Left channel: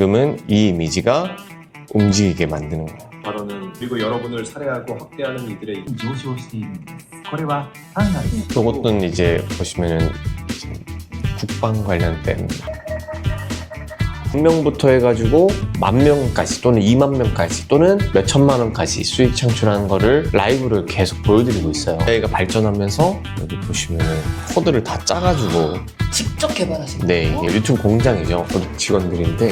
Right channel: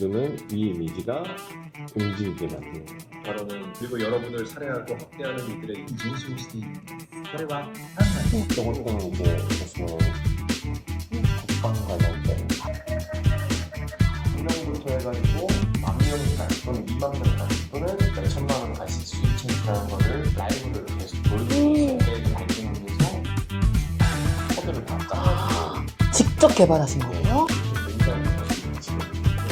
지금은 이 이미지가 움직이게 만드는 거예요. 발언은 그리고 여러분을 살해하고 학대하는 이들의 上昇しているんですこれは単なる 이것은 이제 보시면은 국방 관련된 1명부터 해가지고 10,000명까지 또는 20,000명까지 또는 몇 천만 원까지 수익 창출하는 거를 라이브를 계속 보여드리고 있어요. 저희가 발전하면서 여기 보시면은 코드를 다 짜가지고 직접 개발하신 네, 거예요? 유튜브 공장이죠. 직원들인데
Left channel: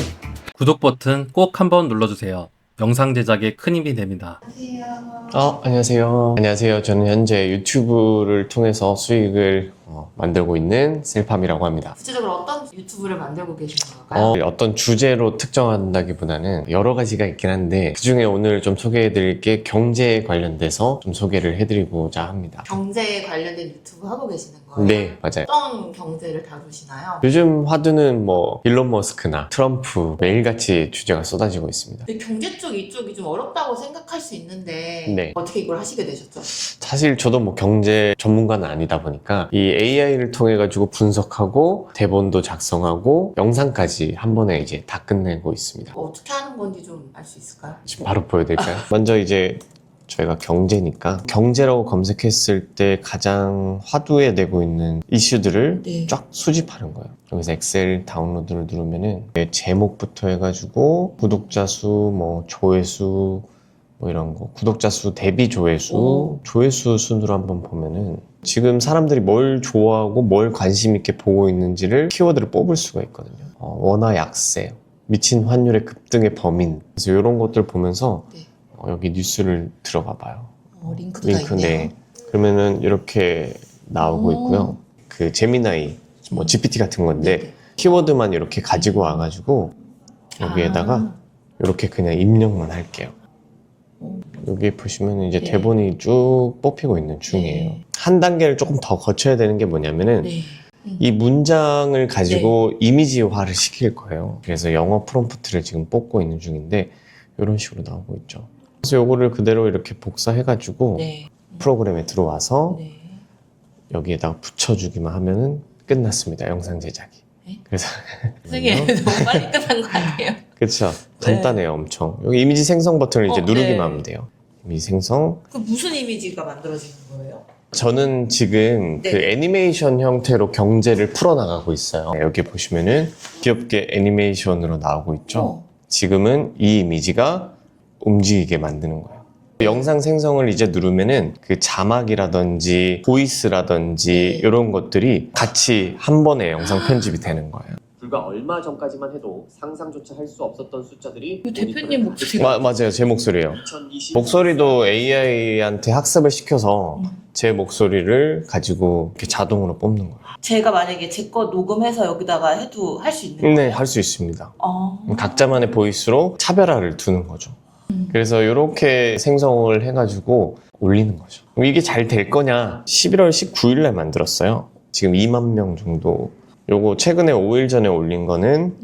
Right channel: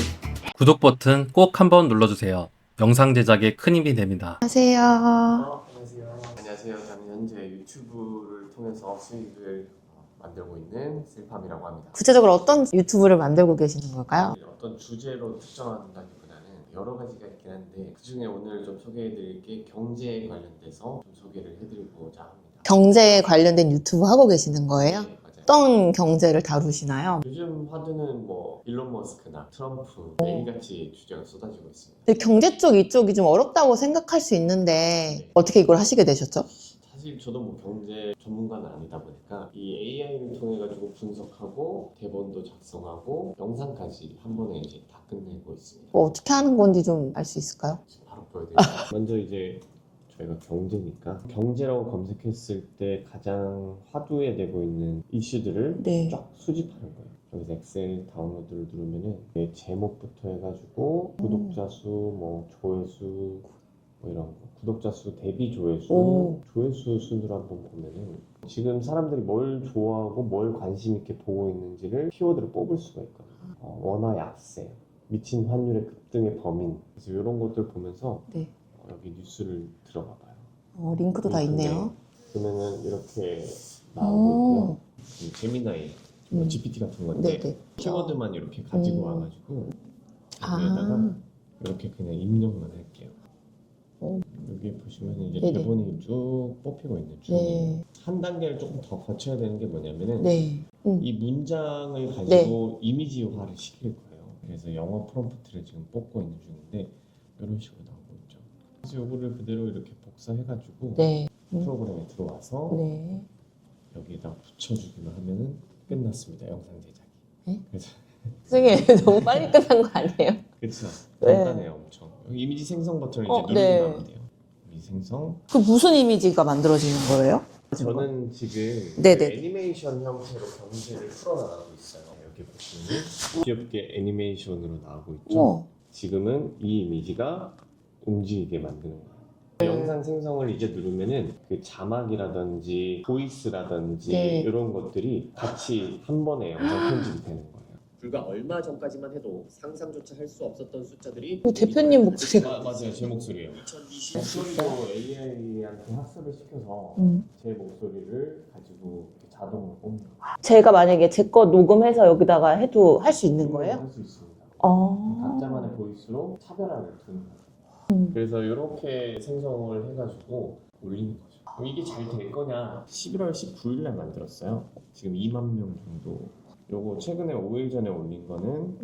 구독 버튼 꼭 한번 눌러주세요. 영상 제작에 큰 힘이 됩니다. 안녕하세요. 안녕하세요. 안녕하세요. 저는 현재 유튜브를 통해서 수익을 만들고 있는 셀팜이라고 합니다. 구체적으로 어떤 유튜브를 만들고 계시는 걸까요? 어떤 주제로 특정한다기보다는 여러 가지가 있긴 한데 그중에 오늘 좀 소개해드릴 게 경제에 관련돼서 좀 소개를 해드리고자 합니다. 경제에 관련된 유튜브 하고 계시는 거예요? 네, 맞아요. 어떤 경제를 다루시나요? 요즘 화두는 뭐 일론 머스크나 트럼프 매일같이 주제가 쏟아지고 있습니다. 근데 경제 쪽 이쪽이 좀 어렵다고 생각할 수 있는데 네. 어떻게 이걸 하시게 되셨죠? 사실 저도 뭐 경제 전문가는 아니다 보니까 이 AI를 통해 가지고 분석하고 대본도 작성하고 영상까지 한 번에 이제 다 끝내고 있습니다. 뭐 어떻게 하는 건지 좀 알 수 있을까요? 지금 바로 보여드릴까요? 먼저 이제 저희가 경제니까 경제라고 검색했을 때 가장 화두에 되고 있는 이슈들을 네. 쫙 수집하는 거예요. 여기서 엑셀 다운로드를 누르면은 제목부터 해가지고 구독자 수, 뭐 조회수 뭐 이런 거, 구독자 수 대비 조회수, 오. 조회수 순으로 한번 보면은 지금 사람들이 뭘 좋아하고 뭘 관심 있게 보고 있는지를 키워드를 뽑을 수가 있거든요. 원화 약세, 미친 환율의 급등의 범인, 그래서 이런 것들 보면서 네. 여기 뉴스를 들어가 봐요. 링크도 다 있네요. 네. 그러면은 이렇게 나오고 오. 있고요. 그 제미나이, 뭐 GPT 같은 건데 네네. 키워드만 이렇게 가지고 와가지고 여기에다가 아. 이렇게 그냥 입력만 할게요. 오. 여기 보시면 이제 네. 대본이 쭉 뽑히고 있는 중이에요. 네. 한 단계를 조금 더 거쳐야 되는 게 뭐냐면은 네. 이 문장을 가지고 이미지화를 시킬 거예요. 그래서 영어 프롬프트를 지금 뽑고 있는 중인데 이런 식으로 나오고 있죠. 그래서 요거를 그대로 이렇게 복사해가지고 네. 프로그램에 들어와서 네. 여기에다가 붙여주기만 하면은 끝났습니다. 영상 제작이. 네? 그래서 선생님 너무 빨리 끝난 거 아니에요? 그렇죠. 간단해요, 엄청. 여기 이미지 생성 버튼을 이제 누르기만 네. 하면 돼요. 이미지 생성. 그 무슨 이미지가 만들어지는 거예요? 저는 지금 그 네네. 애니메이션 형태로 경제를 풀어나가고 있어요. 여기 보시면은 귀엽게 애니메이션으로 나오고 있죠. 어. 지금은 이 이미지가 움직이게 만드는 거예요. 영상 생성을 이제 누르면은 그 자막이라든지 보이스라든지 네. 이런 것들이 같이 한 번에 영상 편집이 되는 거예요. 불과 얼마 전까지만 해도 상상조차 할 수 없었던 숫자들이 그 대표님 목소리. 맞아요. 제 목소리예요. 2020 목소리도 AI한테 학습을 시켜서 제 목소리를 가지고 이렇게 자동으로 뽑는 거예요. 제가 만약에 제 거 녹음해서 여기다가 해도 할 수 있는 네, 거예요? 할 수 있습니다. 어. 각자만의 보이스로 차별화를 두는 거죠. 그래서 이렇게 생성을 해가지고 올리는 거죠. 그럼 이게 잘 될 거냐? 11월 19일 날 만들었어요. 지금 2만 명 정도. 요거 최근에 5일 전에 올린 거는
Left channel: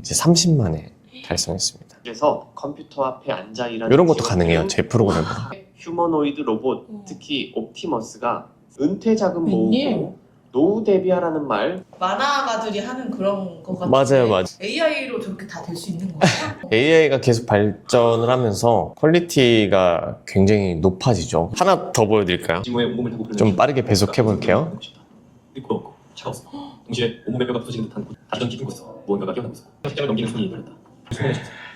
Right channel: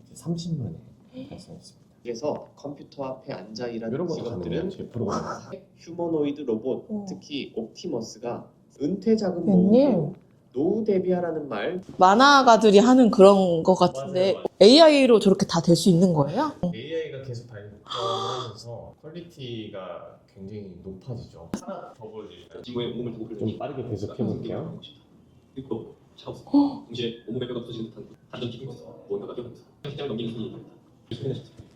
이제 30만에 달성했습니다. 그래서 컴퓨터 앞에 앉아 일하는 이런 것도 직원들, 가능해요. 제 프로그램으로. 휴머노이드 로봇, 특히 옵티머스가 은퇴 자금 웬일? 모으고 노후 대비하라는 말 만화가들이 하는 그런 거 같은데 맞아요. AI로 저렇게 다 될 수 있는 거예요? AI가 계속 발전을 하면서 퀄리티가 굉장히 높아지죠. 하나 더 보여드릴까요? 지모의 온몸을 타고 좀 빠르게 배속해 볼게요. 뜨겁고 차가웠어. 동시에 온몸의 뼈가 부서지는 듯한 다른 기둥 곳에서 무언가가 끼어나고 있어. 식장을 넘기는 손이 달렸다.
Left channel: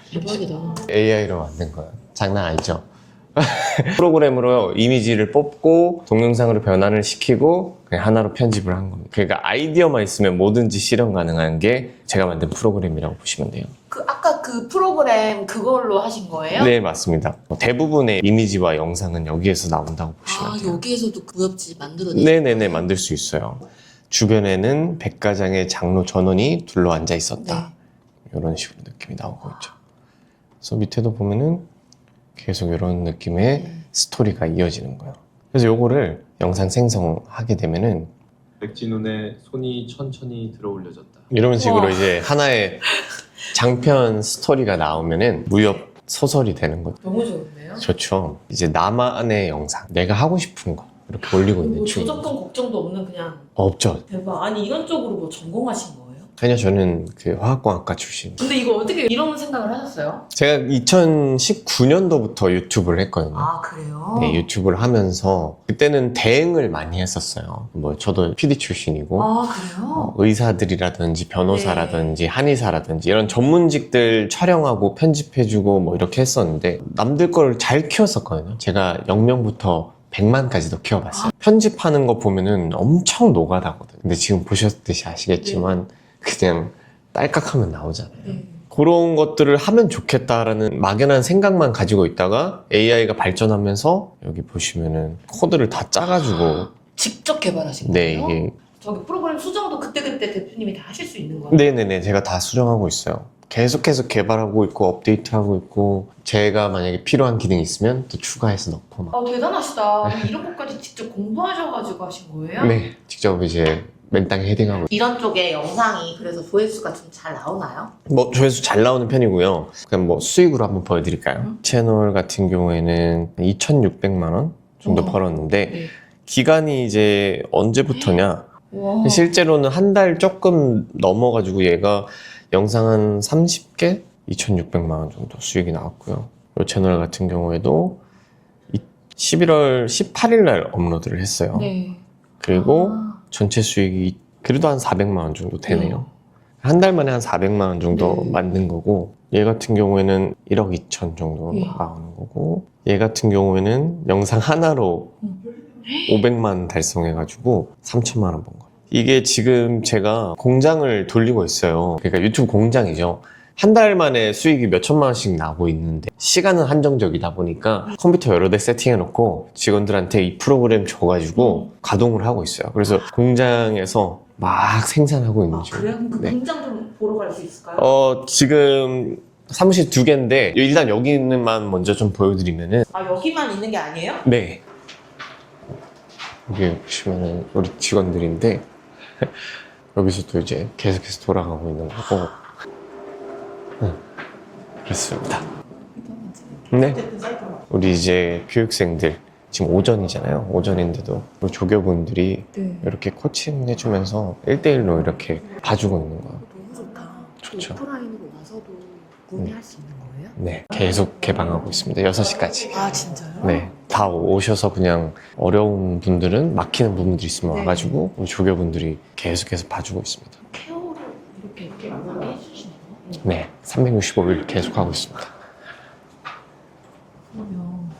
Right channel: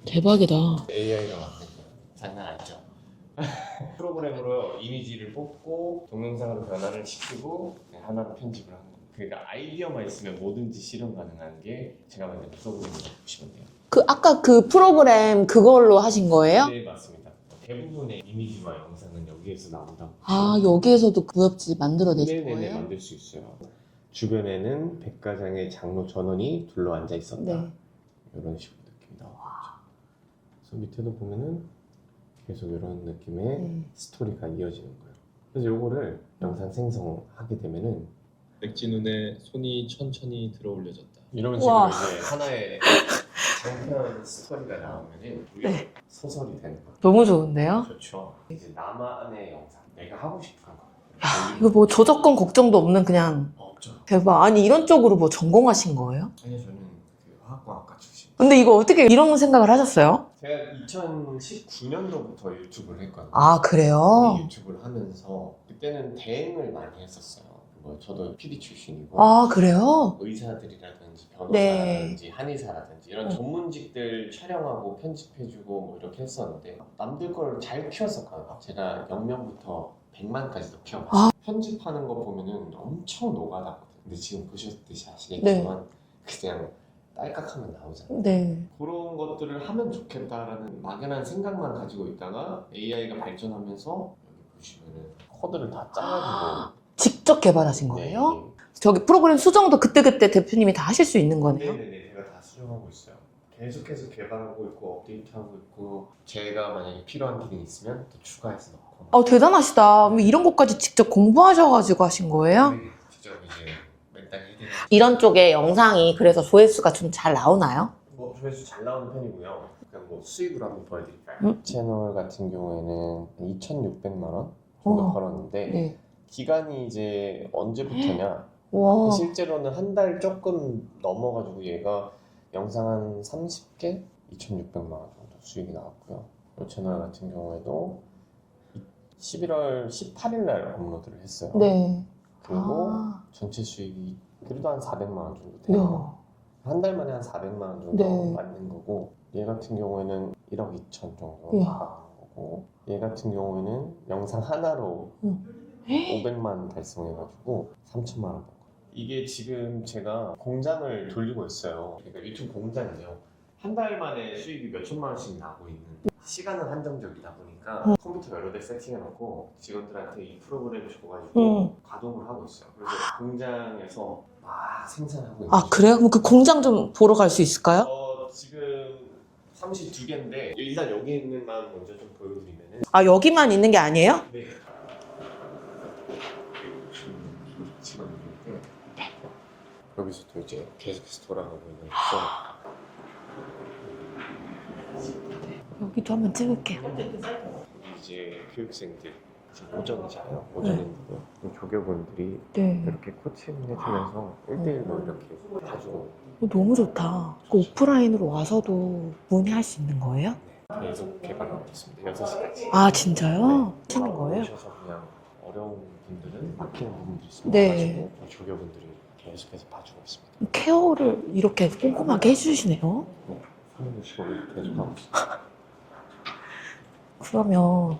대박이다. AI로 만든 거예요. 장난 아니죠? 프로그램으로 이미지를 뽑고 동영상으로 변환을 시키고 그냥 하나로 편집을 한 겁니다. 그러니까 아이디어만 있으면 뭐든지 실현 가능한 게 제가 만든 프로그램이라고 보시면 돼요. 그 아까 그 프로그램 그걸로 하신 거예요? 네, 맞습니다. 대부분의 이미지와 영상은 여기에서 나온다고 보시면 아 돼요. 여기에서도 무협지 만들어내신 네네네, 거예요? 만들 수 있어요. 주변에는 100가장의 장로 전원이 둘러앉아 있었다. 네. 이런 식으로 느낌이 나오고 있죠. 그래서 밑에도 보면은 계속 이런 느낌의 스토리가 이어지는 거예요. 그래서 요거를 영상 생성하게 되면은 백진훈의 손이 천천히 들어 올려졌다. 이런 식으로 우와. 이제 하나의 장편 스토리가 나오면은 무협 소설이 되는 거죠. 너무 좋은데요? 좋죠. 이제 나만의 영상, 내가 하고 싶은 거 이렇게 올리고 이거 뭐 있는 저작권 걱정도 없는 그냥 없죠. 대박. 아니 이런 쪽으로 뭐 전공하신 거예요? 아니요, 저는 그 화학공학과 출신. 근데 이거 어떻게 이런 생각을 하셨어요? 제가 2019년도부터 유튜브를 했거든요. 아 그래요? 네, 유튜브를 하면서 그때는 대행을 많이 했었어요. 뭐 저도 PD 출신이고 아 그래요? 의사들이라든지 변호사라든지 한의사라든지 이런 전문직들 촬영하고 편집해주고 뭐 이렇게 했었는데 남들 걸 잘 키웠었거든요. 제가 0명부터 100만까지도 키워봤어요. 편집하는 거 보면은 엄청 노가다거든요. 근데 지금 보셨듯이 아시겠지만 그냥 딸깍하면 나오잖아요. 네. 그런 것들을 하면 좋겠다라는 막연한 생각만 가지고 있다가 AI가 발전하면서 여기 보시면은 코드를 다 짜가지고 직접 개발하신 네, 거예요? 이게 저기 프로그램 수정도 그때그때 대표님이 다 하실 수 있는 거예요? 네네네, 제가 다 수정하고 있어요. 계속해서 개발하고 있고 업데이트하고 있고 제가 만약에 필요한 기능이 있으면 또 추가해서 넣고 막. 대단하시다. 그럼 이런 것까지 직접 공부하셔가지고 하신 거예요? 네, 직접 이제 맨땅에 헤딩하고. 이런 쪽에 영상이 그래서 조회수가 좀 잘 나오나요? 뭐 조회수 잘 나오는 편이고요. 그럼 뭐 수익으로 한번 보여드릴까요? 채널 같은 경우에는 2,600만 원 정도 벌었는데 네. 기간이 이제 언제부터냐? 와. 실제로는 한 달 조금 넘어가지고 얘가 영상 한 30개? 2,600만 원 정도 수익이 나왔고요. 이 채널 같은 경우에도 11월 18일 날 업로드를 했어요. 네. 그리고 아. 전체 수익이 그래도 한 400만 원 정도 되네요. 한 달 만에 한 400만 원 정도 네. 만든 거고 얘 같은 경우에는 1억 2천 정도 예. 나오는 거고 얘 같은 경우에는 영상 하나로 500만 달성해가지고 3천만 원 번 거예요. 이게 지금 제가 공장을 돌리고 있어요. 그러니까 유튜브 공장이죠. 한 달 만에 수익이 몇 천만 원씩 나고 있는데 시간은 한정적이다 보니까 컴퓨터 여러 대 세팅해놓고 직원들한테 이 프로그램 줘가지고 가동을 하고 있어요. 그래서 공장에서 막 생산하고 있는 아 중이에요. 그래요? 그럼 그 네. 공장 좀 보러 갈 수 있을까요? 지금 사무실 2개인데 일단 여기는만 먼저 좀 보여드리면은 아 여기만 있는 게 아니에요? 네, 여기 보시면은 우리 직원들인데 여기서도 이제 계속해서 돌아가고 있는 거고 그렇습니다. 여기도 한번 찍을게요. 네, 우리 이제 교육생들 지금 오전이잖아요. 오전인데도 우리 조교분들이 네. 이렇게 코칭 해주면서 1대1로 이렇게 봐주고 있는 거예요. 너무 좋다. 좋죠. 오프라인으로 와서도 문의할 수 있는 거예요? 네, 계속 개방하고 있습니다. 6시까지. 아 진짜요? 네, 다 오셔서 그냥 어려운 분들은 막히는 부분들이 있으면 네. 와가지고 우리 조교분들이 계속해서 봐주고 있습니다. 케어를 이렇게 꼼꼼하게 해주시네요. 네, 365일 계속 하고 있습니다. 그러면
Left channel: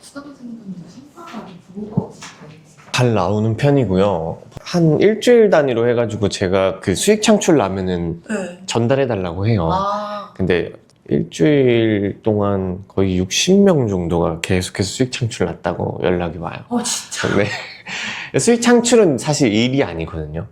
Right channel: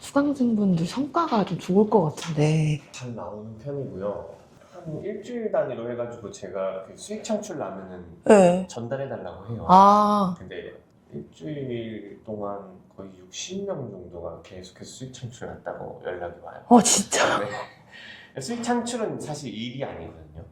수강생분들 성과가 좀 좋을 것 같은데. 잘 나오는 편이고요. 한 일주일 단위로 해가지고 제가 그 수익 창출 나면은 네. 전달해달라고 해요. 아 근데 일주일 동안 거의 60명 정도가 계속해서 수익 창출 났다고 연락이 와요. 진짜. 네. 수익 창출은 사실 일이 아니거든요.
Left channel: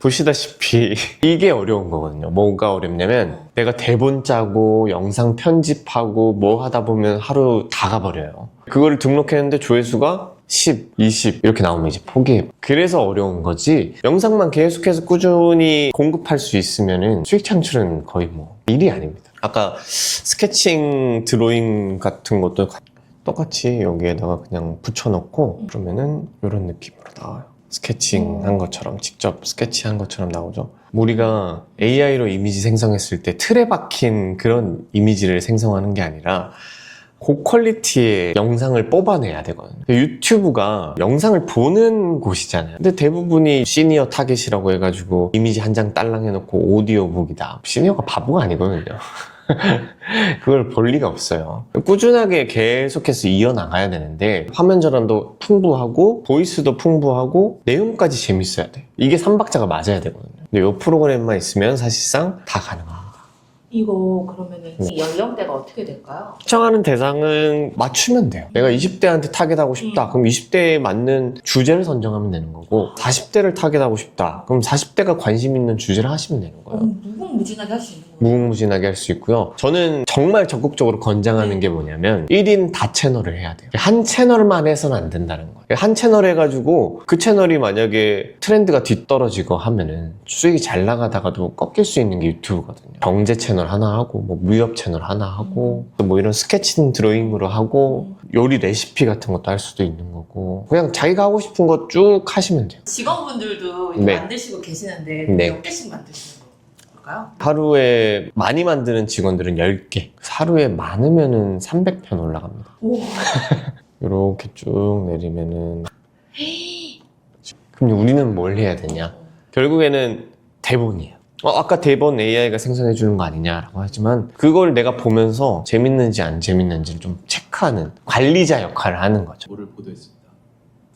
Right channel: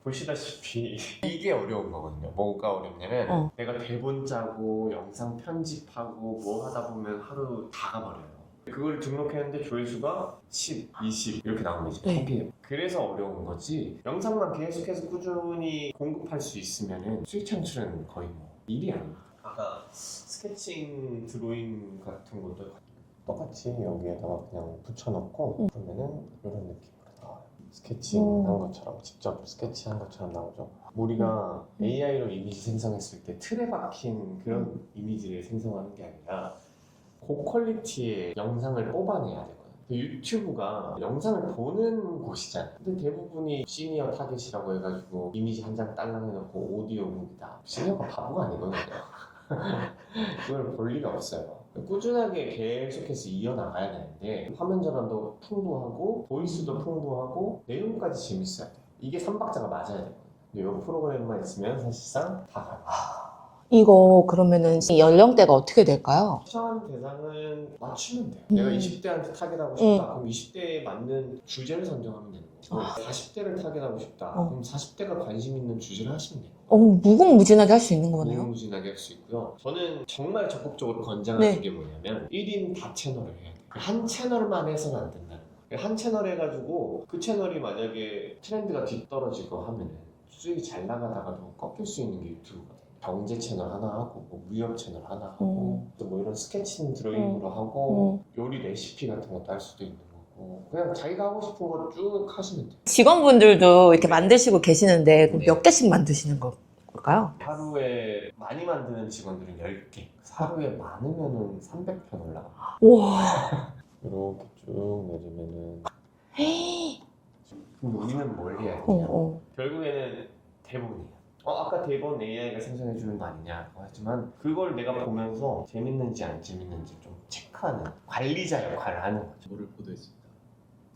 보시다시피 이게 어려운 거거든요. 뭐가 어렵냐면 내가 대본 짜고 영상 편집하고 뭐 하다 보면 하루 다 가버려요. 그거를 등록했는데 조회수가 10, 20 이렇게 나오면 이제 포기해요. 그래서 어려운 거지 영상만 계속해서 꾸준히 공급할 수 있으면은 수익 창출은 거의 뭐 일이 아닙니다. 아까 스케칭 드로잉 같은 것도 똑같이 여기에다가 그냥 붙여놓고 그러면은 이런 느낌으로 나와요. 스케칭 한 것처럼 직접 스케치한 것처럼 나오죠. 우리가 AI로 이미지 생성했을 때 틀에 박힌 그런 이미지를 생성하는 게 아니라 고퀄리티의 영상을 뽑아내야 되거든요. 유튜브가 영상을 보는 곳이잖아요. 근데 대부분이 시니어 타겟이라고 해가지고 이미지 한 장 딸랑 해놓고 오디오북이다. 시니어가 바보가 아니거든요. 그걸 볼 리가 없어요. 꾸준하게 계속해서 이어나가야 되는데 화면 전환도 풍부하고 보이스도 풍부하고 내용까지 재밌어야 돼. 이게 3박자가 맞아야 되거든요. 근데 이 프로그램만 있으면 사실상 다 가능해요. 이거 그러면은 이 연령대가 어떻게 될까요? 시청하는 대상은 맞추면 돼요. 내가 20대한테 타겟하고 싶다. 그럼 20대에 맞는 주제를 선정하면 되는 거고 40대를 타겟하고 싶다. 그럼 40대가 관심 있는 주제를 하시면 되는 거예요. 무궁무진하게 할 수 있는 거예요. 무궁무진하게 할 수 있고요. 저는 정말 적극적으로 권장하는 네. 게 뭐냐면 1인 다 채널을 해야 돼요. 한 채널만 해서는 안 된다는 거예요. 한 채널 해가지고 그 채널이 만약에 트렌드가 뒤떨어지고 하면은 수익이 잘 나가다가도 꺾일 수 있는 게 유튜브거든요. 경제 채널 채널 하나 하고 뭐 무협 채널 하나 하고 또 뭐 이런 스케치ing 드로잉으로 하고 요리 레시피 같은 것도 할 수도 있는 거고 그냥 자기가 하고 싶은 거 쭉 하시면 돼요. 직원분들도 이렇게 네. 만드시고 계시는데 네. 몇 개씩 만드시는 걸까요? 하루에 많이 만드는 직원들은 10개, 하루에 많으면은 300편 올라갑니다. 우와. 이렇게 쭉 내리면은 그럼 우리는 뭘 해야 되냐? 결국에는 대본이에요. 아까 대본 AI가 생성해 주는 거 아니냐라고 하지만 그걸 내가 보면서 재밌는지 안 재밌는지를 좀 체크하는 관리자 역할을 하는 거죠. 뭐를 보도했습니다.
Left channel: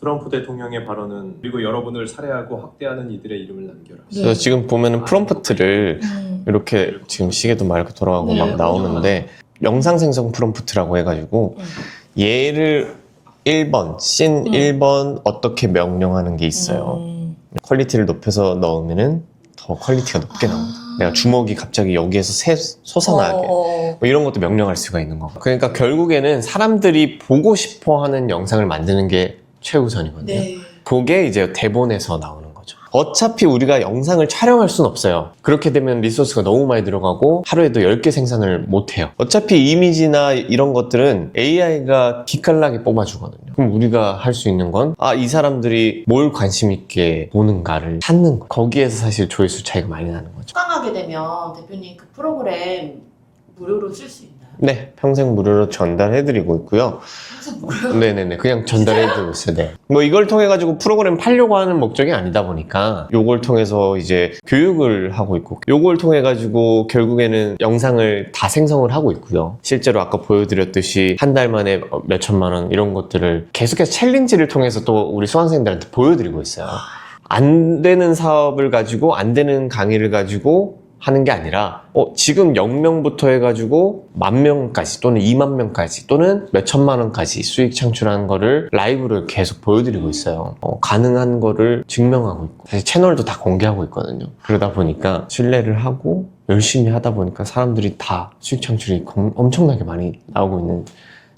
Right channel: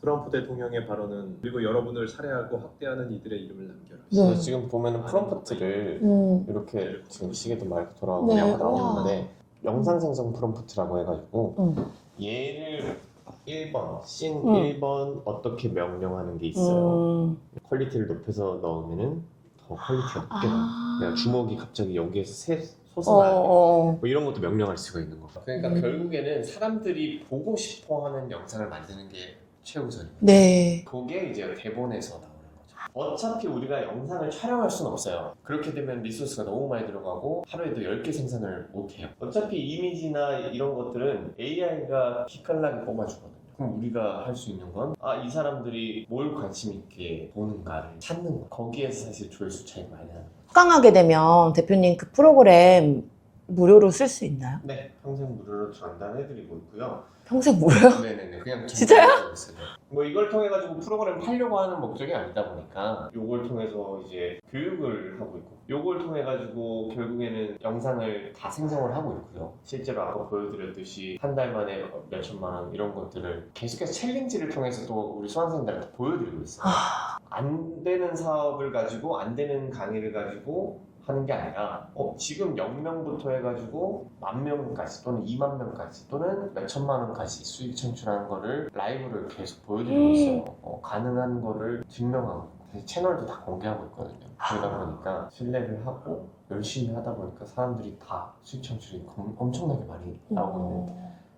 트럼프 대통령의 발언은 그리고 여러분을 살해하고 학대하는 이들의 이름을 남겨라. 그래서 지금 보면은 프롬프트를 이렇게 지금 시계도 맑고 돌아가고 네, 막 나오는데 영상 생성 프롬프트라고 해가지고 얘를 1번, 씬 1번 어떻게 명령하는 게 있어요. 퀄리티를 높여서 넣으면은 더 퀄리티가 높게 나옵니다. 내가 주먹이 갑자기 여기에서 솟아나게 뭐 이런 것도 명령할 수가 있는 거고. 그러니까 결국에는 사람들이 보고 싶어 하는 영상을 만드는 게 최우선이거든요. 네. 그게 이제 대본에서 나오는 거죠. 어차피 우리가 영상을 촬영할 수는 없어요. 그렇게 되면 리소스가 너무 많이 들어가고 하루에도 10개 생산을 못 해요. 어차피 이미지나 이런 것들은 AI가 기깔나게 뽑아주거든요. 그럼 우리가 할 수 있는 건 이 사람들이 뭘 관심 있게 보는가를 찾는 거. 거기에서 사실 조회수 차이가 많이 나는 거죠. 수강하게 되면 대표님 그 프로그램 무료로 쓸 수 있나요? 네, 평생 무료로 전달해드리고 있고요. 평생 무료요? 네네네, 그냥 전달해드리고 있어요. 네. 뭐 이걸 통해 가지고 프로그램 팔려고 하는 목적이 아니다 보니까 요걸 통해서 이제 교육을 하고 있고 요걸 통해 가지고 결국에는 영상을 다 생성을 하고 있고요. 실제로 아까 보여드렸듯이 한 달 만에 몇 천만 원 이런 것들을 계속해서 챌린지를 통해서 또 우리 수강생들한테 보여드리고 있어요. 안 되는 사업을 가지고 안 되는 강의를 가지고 하는 게 아니라 지금 0명부터 해가지고 10,000명까지 또는 20,000명까지 또는 몇 천만 원까지 수익 창출하는 거를 라이브를 계속 보여드리고 있어요. 가능한 거를 증명하고 있고 사실 채널도 다 공개하고 있거든요. 그러다 보니까 신뢰를 하고 열심히 하다 보니까 사람들이 다 수익 창출이 엄청나게 많이 나오고 있는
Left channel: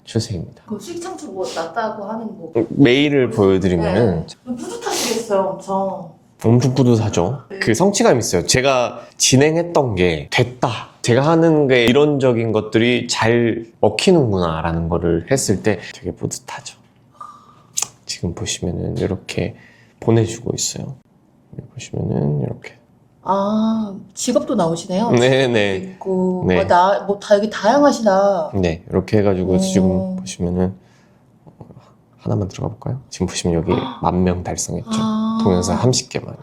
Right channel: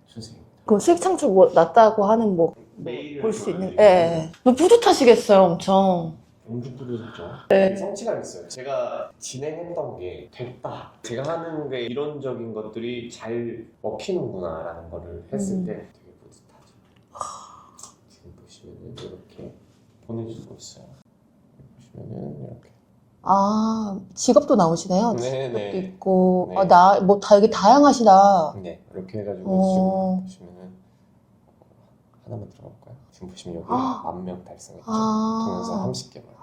추세입니다. 그 수익 창출 뭐 낮다고 하는 뭐 메일을 보여드리면은 뿌듯하시겠어요, 엄청. 엄청 뿌듯하죠. 네. 그 성취감이 있어요. 제가 진행했던 게 됐다. 제가 하는 게 이론적인 것들이 잘 먹히는구나 라는 거를 했을 때 되게 뿌듯하죠. 지금 보시면은 이렇게 보내주고 있어요. 여기 보시면은 이렇게. 직업도 나오시네요. 네네. 있고, 네. 다 여기 다양하시다. 네, 이렇게 해가지고 지금 보시면은 하나만 들어가 볼까요? 지금 보시면 여기 10,000명 달성했죠. 동영상 30개 만에.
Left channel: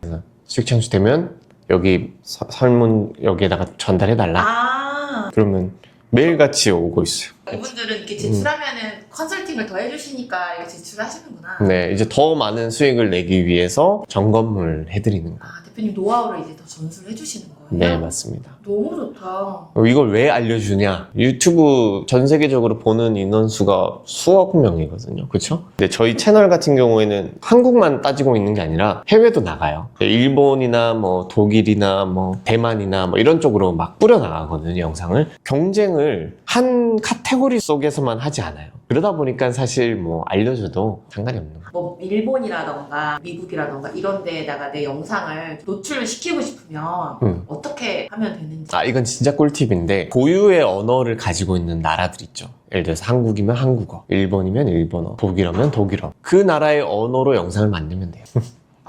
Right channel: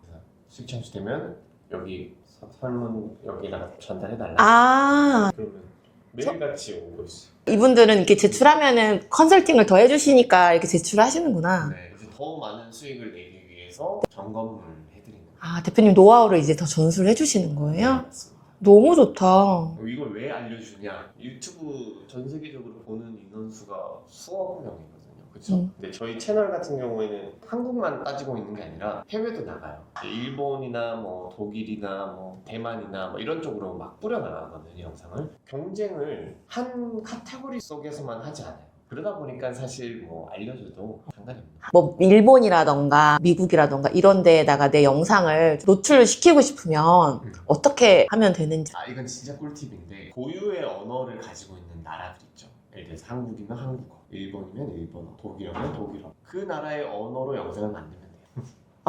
그래서 수익 창출되면 여기 설문 여기에다가 전달해달라. 그러면 매일같이 오고 있어요. 이분들은 이렇게 제출하면은 컨설팅을 더 해주시니까 이렇게 제출하시는구나. 네, 이제 더 많은 수익을 내기 위해서 점검을 해드리는 거예요. 대표님 노하우를 이제 더 전수를 해주시는 거예요? 네, 맞습니다. 너무 좋다. 이걸 왜 알려주냐? 유튜브 전 세계적으로 보는 인원수가 수억 명이거든요. 그렇죠? 근데 저희 채널 같은 경우에는 한국만 따지고 있는 게 아니라 해외도 나가요. 일본이나 뭐 독일이나 뭐 대만이나 뭐 이런 쪽으로 막 뿌려 나가거든요, 영상을. 경쟁을 한 카테고리 속에서만 하지 않아요. 그러다 보니까 사실 뭐 알려줘도 상관이 없는 거예요. 뭐 일본이라던가 미국이라던가 이런 데에다가 내 영상을 노출을 시키고 싶으면 어떻게 하면 되는지. 이건 진짜 꿀팁인데 고유의 언어를 가지고 있는 나라들 있죠. 예를 들어서 한국이면 한국어, 일본이면 일본어, 독일어면 독일어. 그 나라의 언어로 영상을 만들면 돼요.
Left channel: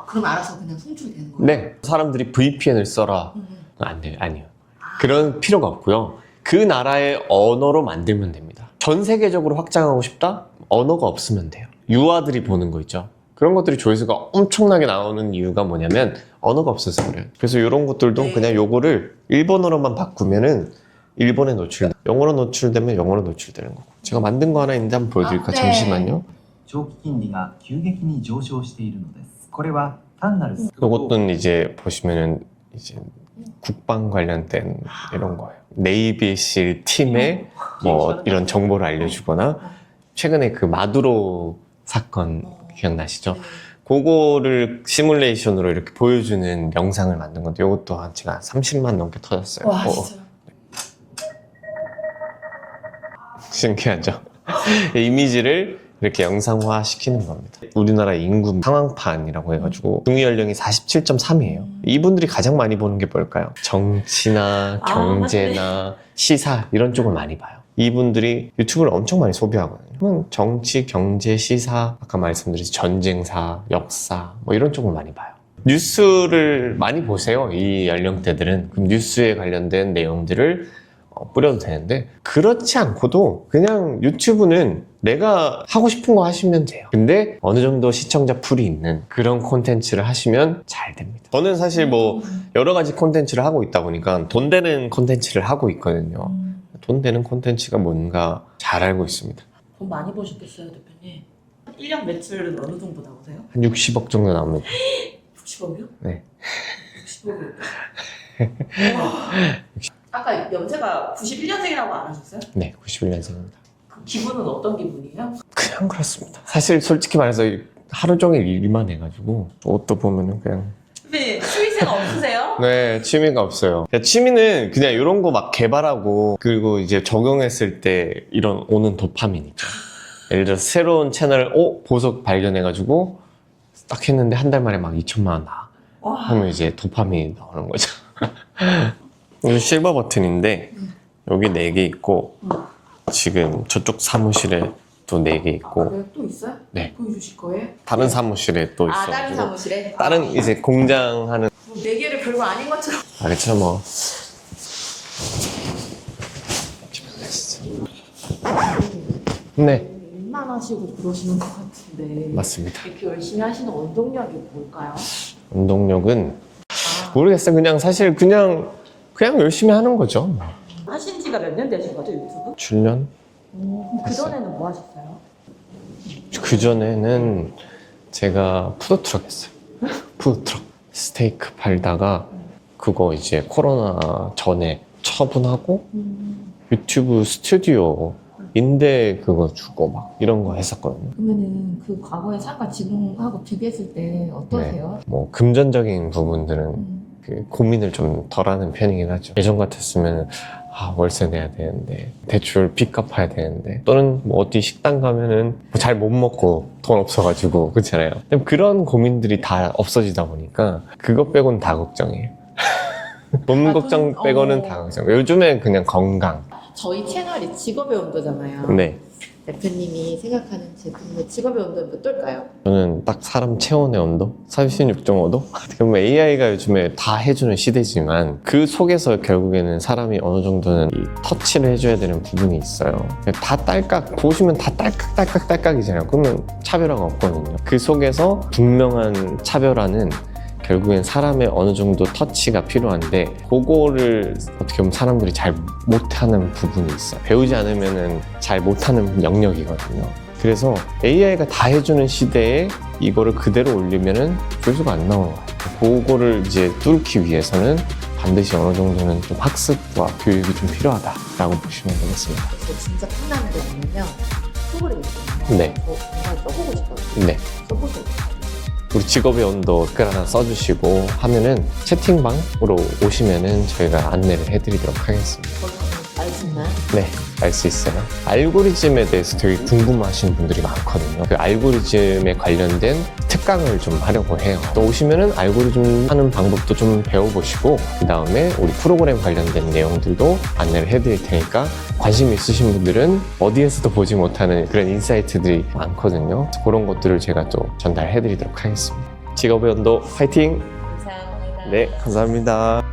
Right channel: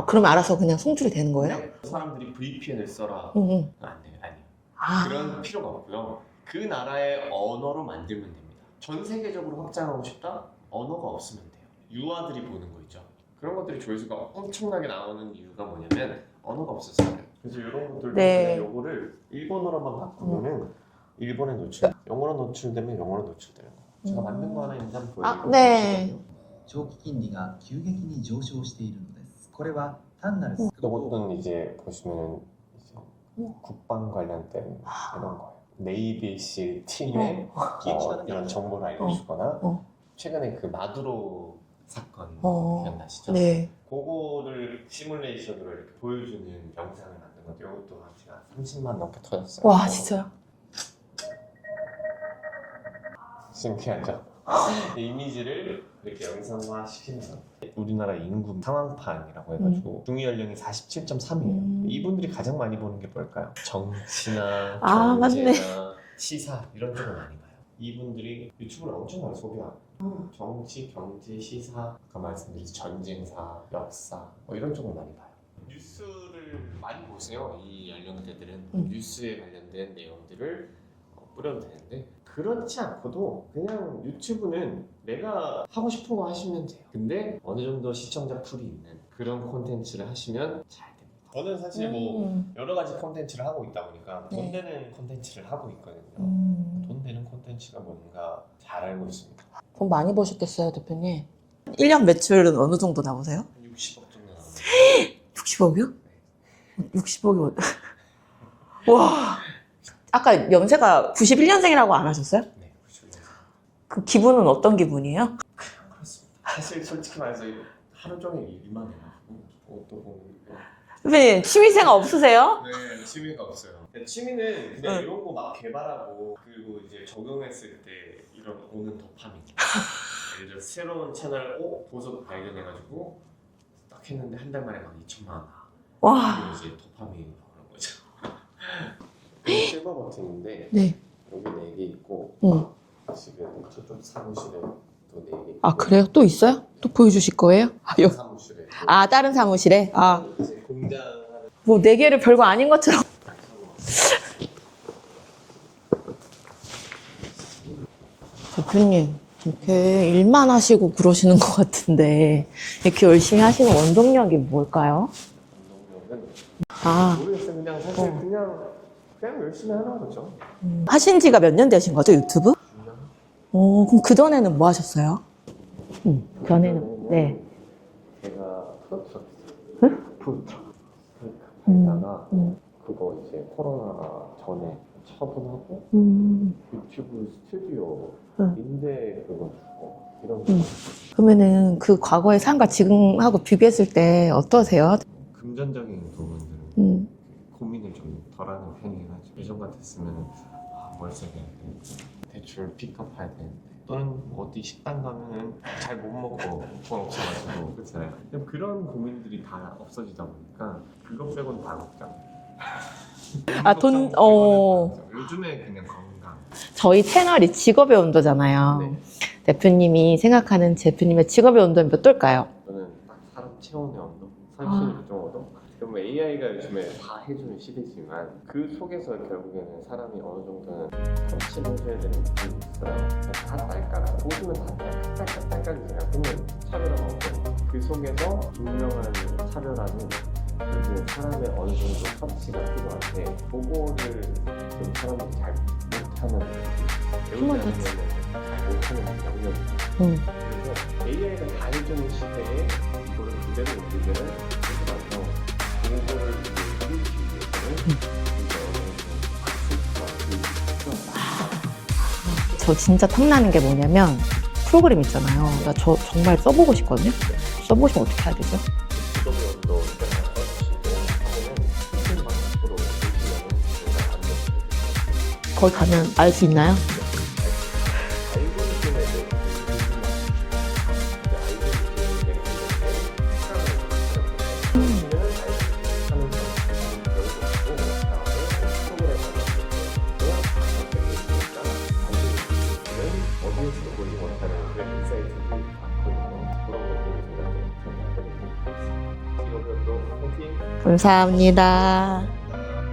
그럼 알아서 그냥 송출이 되는 거예요? 네. 사람들이 VPN을 써라. 안 돼요. 아니요. 그런 필요가 없고요. 그 나라의 언어로 만들면 됩니다. 전 세계적으로 확장하고 싶다? 언어가 없으면 돼요. 유아들이 보는 거 있죠. 그런 것들이 조회수가 엄청나게 나오는 이유가 뭐냐면 언어가 없어서 그래요. 그래서 이런 것들도 그냥 요거를 일본어로만 바꾸면은 일본에 영어로 노출되면 영어로 노출되는 거고. 제가 만든 거 하나 있는데 한번 보여드릴까요? 네. 잠시만요. 長期金利が急激に上昇しているのです。これは単なる 요것은 이제 보시면은 이제 국방 관련된 이런 거예요. 네이비실 팀의 뭐 이런 정보를 알려주거나 최근에 그 마두로 사건 기억나시죠? 네. 그거를 시뮬레이션으로 이렇게 보여주는 영상을 만든 건데 이것도 제가 30만 넘게 터졌어요. 와, 진짜요? 신기하죠? 이미지를 이렇게 영상화 시키는 겁니다. 우리나라 인구 상황판이라고 해가지고 중위 연령이 47.3이에요. 이분들이 가장 많이 보는 게 뭘까요? 정치나 경제나 시사 이런 쪽을 많이 봐요. 이분들이 유튜브를 엄청 많이 소비하거든요. 정치, 경제, 시사, 아까 말씀드린 전쟁사, 역사 뭐 이런 쪽을 많이 봐요. 뉴스를 많이 보세요. 이 연령대들은. 그럼 뉴스에 관련된 내용들을 뿌려도 되는데 그렇지 않고도 그냥 유튜브는 내가 하고 싶은 거 하시면 돼요. 근데 어느 정도 시청자 풀이 있는 그런 콘텐츠를 하시면 잘 됩니다. 저는 사실 뭐 여러 가지 콘텐츠를 하고 있다 보니까 돈 되는 콘텐츠를 하고 있거든요. 돈 되는 콘텐츠가 뭔가 잘 알고 있습니다. 돈 많이 버셨겠어요, 대표님? 1년 매출은 어느 정도 나오세요? 한 60억 정도 나옵니다. 60억이요? 네. 60억이. 와. 아까 연세가 91년생이라고 안 하셨어요? 네, 91년생입니다. 그 기분은 어떤 기분이에요? 그냥 그렇습니다. 사실 솔직히 말해서 하루 종일 일만 해가지고 옷도 보면은 그냥 대표님, 취미생활 없으세요? 네, 취미가 없어요. 취미는 그냥 이런 거 막 개발하고 그리고 이제 적용했을 때 이런 오는 도파민이니까. 예를 들어서 새로운 채널 보석 발견해가지고 딱 했는데 한 달 만에 막 2천만 원 나와. 와. 하면 이제 도파민이 나오는 거죠. 여기 실버 버튼인데 네. 여기 4개 있고 지금 저쪽 사무실에 또 4개 있고 아, 그래요? 또 있어요? 네. 또 보여주실 거예요? 다른 사무실에 또 아, 있어. 다른 사무실에? 다른 이제 공장하는 뭐 4개를 별거 아닌 것처럼. 그렇죠 뭐. 대표님, 네. 일만 하시고 그러시는 것 같은데 맞습니다. 이렇게 열심히 하시는 원동력이 뭘까요? 운동력은 아, 모르겠어요. 그냥 사실 그냥 열심히 하는 거죠. 하신 지가 몇 년 되신 거죠, 유튜브? 7년? 그럼 그전에는 뭐 하셨어요? 그 전에는 제가 푸드트럭 했어요. 푸드트럭. 스테이크 팔다가 그거 이제 코로나 전에 처분하고 유튜브 스튜디오 임대 그거 주고 막 이런 거 했었거든요. 그러면은 그 과거의 삶과 지금하고 비교했을 때 어떠세요? 뭐 금전적인 부분들은 그 고민을 좀 덜하는 편이긴 하죠. 예전 같았으면 월세 내야 되는데 대출 빚 갚아야 되는데 또는 뭐 어디 식당 가면은 잘 못 먹고 돈 없어가지고 그렇잖아요. 그런 고민들이 다 없어지다 보니까 그것 빼고는 다 걱정이에요. 돈 걱정 빼고는 다 걱정. 요즘에 그냥 건강. 저희 채널이 직업의 온도잖아요. 네. 대표님이 생각하는 대표님의 직업의 온도는 어떨까요? 저는 딱 사람 체온의 온도? 36.5도? 그럼 AI가 요즘에 다 해주는 시대지만 그 속에서 결국에는 사람이 어느 정도는 이 터치를 해줘야 되는 부분이 있어요. 다 딸깍, 보시면 다 딸깍이잖아요. 그러면 차별화가 없거든요. 그 속에서 분명한 차별화는 결국엔 사람의 어느 정도 터치가 필요한데 그거를 어떻게 보면 사람들이 잘 못하는 부분이 있어요. 배우지 않으면 잘 못하는 영역이거든요. 그래서 AI가 다 해주는 시대에 이거를 그대로 올리면은 조회수가 안 나오는 거예요. 그거를 이제 뚫기 위해서는 반드시 어느 정도는 좀 학습과 교육이 좀 필요하다라고 보시면 되겠습니다. 저 진짜 탐나는 게 뭐냐면 프로그램 있잖아요. 네. 그러니까 저 정말 써보고 싶거든요. 네. 써보시면 어떻게 해야 되죠? 우리 직업의 온도 댓글 하나 써주시고 하면은 채팅방으로 오시면은 저희가 안내를 해드리도록 하겠습니다. 거기 가면 알 수 있나요? 네, 알 수 있어요. 알고리즘에 대해서 되게 궁금하신 분들이 많거든요. 그 알고리즘에 관련된 특강을 좀 하려고 해요. 또 오시면은 알고리즘 하는 방법도 좀 배워보시고 그 다음에 우리 프로그램 관련된 내용들도 안내를 해드릴 테니까 관심 있으신 분들은 어디에서도 보지 못하는 그런 인사이트들이 많거든요. 그런 것들을 제가 또 전달해드리도록 하겠습니다. 직업의 온도 화이팅! 감사합니다. 네, 감사합니다.